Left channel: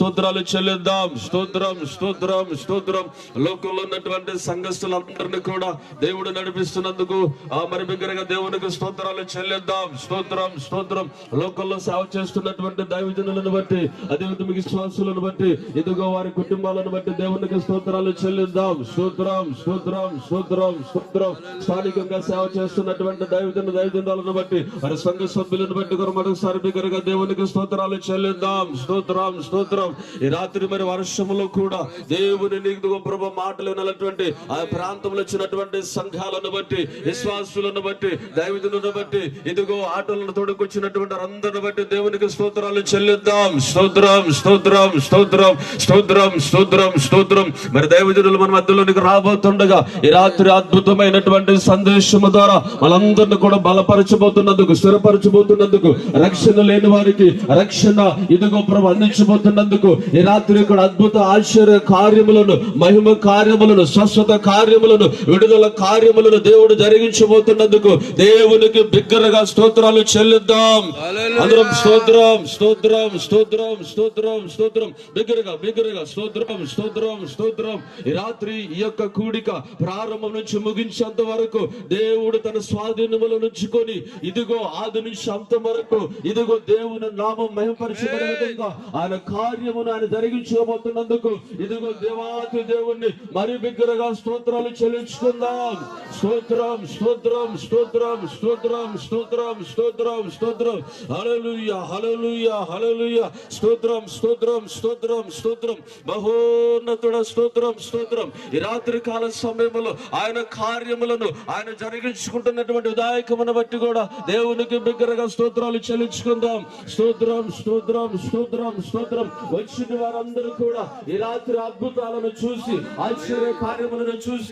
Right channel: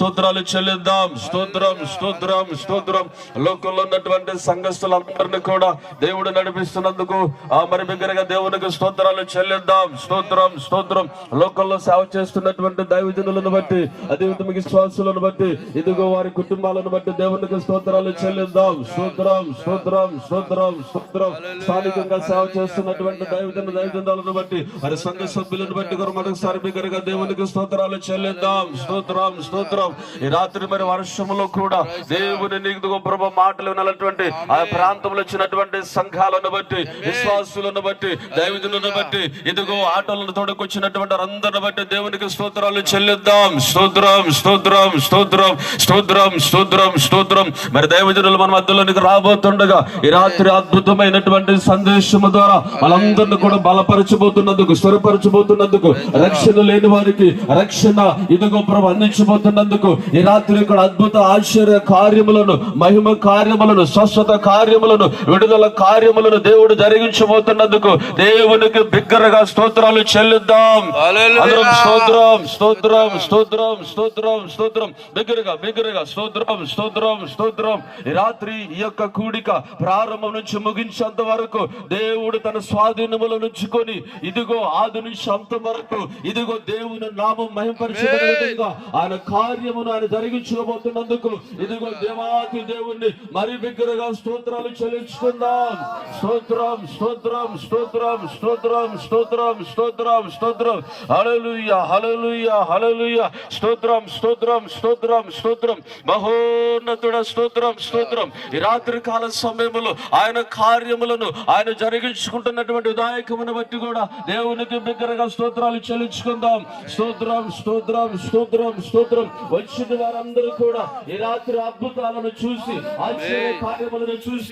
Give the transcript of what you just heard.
స్తోత్రాలు చెల్లిద్దాం. స్తోత్రం స్తోత్రం స్తోత్రం. లోకంలో ఉన్నటువంటి సంఘస్థులందరినీ కూడా దేవుడు నడిపిస్తున్నందుకు మరి బిగ్గరగా దేవునికి స్తోత్రాలు చెల్లిద్దాం. స్తోత్రం స్తోత్రం. లోకంలో సేవ చేస్తున్నటువంటి దైవజనులను బట్టి, అదేవిధంగా విశ్వాసులను బట్టి, ఇదిగో వారి కుటుంబాలను బట్టి దేవునికి స్తోత్రాలు చెల్లిద్దాం. స్తోత్రం స్తోత్రం స్తోత్రం స్తోత్రం. స్థానికంగా సేవ చేస్తున్నటువంటి దైవజనులను బట్టి, వారి సంఘ సభ్యులను బట్టి కూడా మరొకసారి బిగ్గరగా దేవునికి స్తోత్రాలు చెల్లిద్దాం. స్తోత్రం స్తోత్రం. ఈ రాత్రి మరి వర్షంలో కూడా దేవుని నీకు ప్రభు మాటలు వినాలటువంటి ఆ ప్రాంతంలో వచ్చినటువంటి సంఘాలను బట్టి, విశ్వాసులను బట్టి, దైవజనులను బట్టి, ఇదిగో ఆటలను తోడుకొచ్చినటువంటి అందరిని బట్టి దేవునికి స్తోత్రాలు చెల్లిద్దాం. స్తోత్రం స్తోత్రం స్తోత్రం స్తోత్రం స్తోత్రం స్తోత్రం. మరి దైవజనులు మన మధ్యలోనికి రాబోతుండగా ఈ రాత్రి అద్భుతమైనటువంటి సందేశము ద్వారా మనందరిని కూడా బలపరచబోతున్నందుకు, స్థిరపరచబోతున్నందుకు, రక్షణ లేని వారికి రక్షణ ఇదిగో ప్రభు అందించబోతున్నందుకు, ఈ రాత్రి ఇక్కడ అద్భుత ఆశ్చర్య కార్యములను, మహిమ కార్యములను, స్వస్థత కార్యములను, విడుదల కార్యములను దేవుడు జరిగించబోతున్నందుకు దేవునికి బిగ్గరగా స్తోత్రాలు చెల్లిద్దాం. అందరం స్తోత్రం స్తోత్రం స్తోత్రం స్తోత్రం స్తోత్రం. బిగ్గరగా బిగ్గరగా స్తోత్రం స్తోత్రం స్తోత్రం. ఈ రాత్రి ఈ యొక్క కూడిక ప్రారంభం నుంచి ముగించేంత వరకు దేవుడు తన స్వాధీనములను ఉంచుకొని ఇదిగో ఆది నుంచి అంతం వరకు ఇదిగో దేవుని నామం మహిమపరిచబడే విధంగా ఆయన కార్యమును ఆయన జరిగించబోతున్నందుకు ఇదిగో దేవాతి దేవుణ్ణి మరి బిగ్గరగా స్తోత్రాలు చెల్లించుకుందాం. స్తోత్రం స్తోత్రం స్తోత్రం స్తోత్రం స్తోత్రం స్తోత్రం స్తోత్రం. హల్లెలూయా హల్లెలూయా హల్లెలూయా. స్తోత్రం స్తోత్రం స్తోత్రం స్తోత్రం. మహోన్నతుడ స్తోత్రం స్తోత్రం. ఈ రాత్రి కాల సమయంలో ఆయన కార్యములను ఆయన జరిగించుకుంటున్నటువంటి ఉదాయకమును బట్టి కూడా దేవునికి బిగ్గరగా స్తోత్రాలు చెల్లించుకుందాం. స్తోత్రం స్తోత్రం స్తోత్రం స్తోత్రం. వచ్చిన వారందరూ కూడా ఈ రాత్రి అద్భుతాలను చూసి, ఆశ్చర్య కార్యములను చూసి